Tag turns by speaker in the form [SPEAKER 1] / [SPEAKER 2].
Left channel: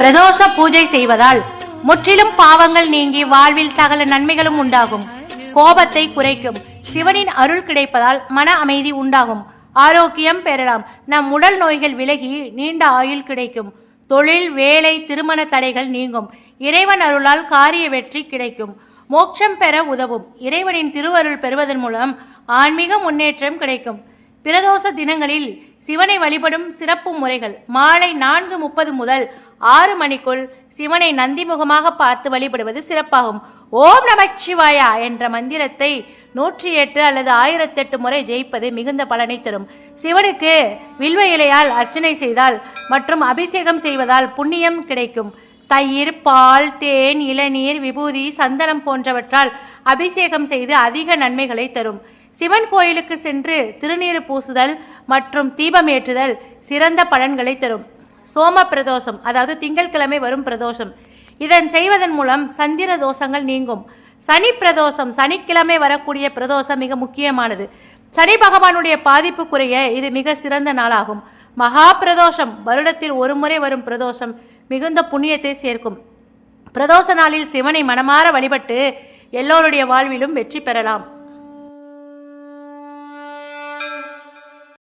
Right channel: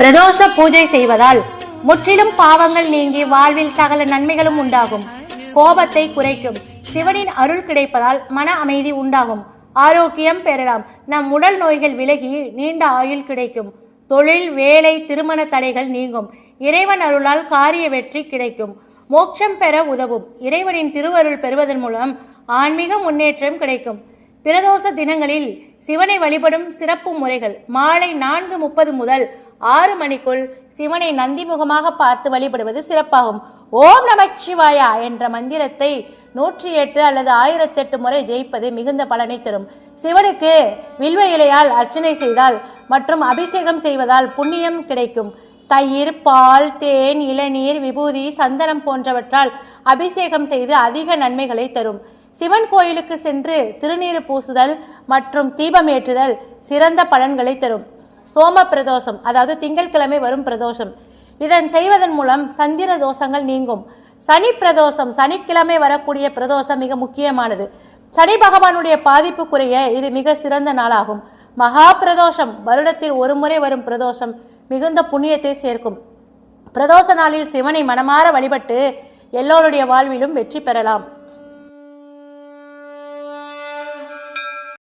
[SPEAKER 1] பிரதோஷ பூஜை செய்வதால் முற்றிலும் பாவங்கள் நீங்கி வாழ்வில் சகல நன்மைகளும் உண்டாகும். கோபத்தை குறைக்கும். சிவனின் அருள் கிடைப்பதால் மன அமைதி உண்டாகும். ஆரோக்கியம் பெறலாம். நம் உடல் நோய்கள் விலகி நீண்ட ஆயுள் கிடைக்கும். தொழில் வேலை திருமண தடைகள் நீங்கும். இறைவன் அருளால் காரிய வெற்றி கிடைக்கும். மோட்சம் பெற உதவும். இறைவனின் திருவருள் பெறுவதன் மூலம் ஆன்மீக முன்னேற்றம் கிடைக்கும். பிரதோஷ தினங்களில் சிவனை வழிபடும் சிறப்பு முறைகள். மாலை நான்கு முப்பது முதல் ஆறு மணிக்குள் சிவனை நந்திமுகமாக பார்த்து வழிபடுவது சிறப்பாகும். ஓம் நமச்சிவாயா என்ற மந்திரத்தை நூற்றி எட்டு அல்லது ஆயிரத்தெட்டு முறை ஜெயிப்பது மிகுந்த பலனை தரும். சிவனுக்கு வில்வ இலையால் அர்ச்சனை செய்தால் மற்றும் அபிஷேகம் செய்வதால் புண்ணியம் கிடைக்கும். தயிர் பால் தேன் இளநீர் விபூதி சந்தனம் போன்றவற்றால் அபிஷேகம் செய்து அதிக நன்மைகளை தரும். சிவன் கோயிலுக்கு சென்று திருநீறு பூசுதல் மற்றும் தீபம் ஏற்றுதல் சிறந்த பலன்களை தரும். சோம பிரதோஷம் அதாவது திங்கட்கிழமை வரும் பிரதோஷம். இதன் செய்வதன் மூலம் சந்திர தோஷங்கள் நீங்கும். சனி பிரதோஷம் சனிக்கிழமை வரக்கூடிய பிரதோஷம் மிக முக்கியமானது. சனி பகவானுடைய பாதிப்பு குறைய இது மிக சிறந்த நாளாகும். மகா பிரதோஷம் வருடத்தில் ஒரு முறை வரும் பிரதோஷம் மிகுந்த புண்ணியத்தை சேர்க்கும். பிரதோஷ நாளில் சிவனை மனமாற வழிபட்டு எல்லோருடைய வாழ்விலும் வெற்றி பெறலாம்.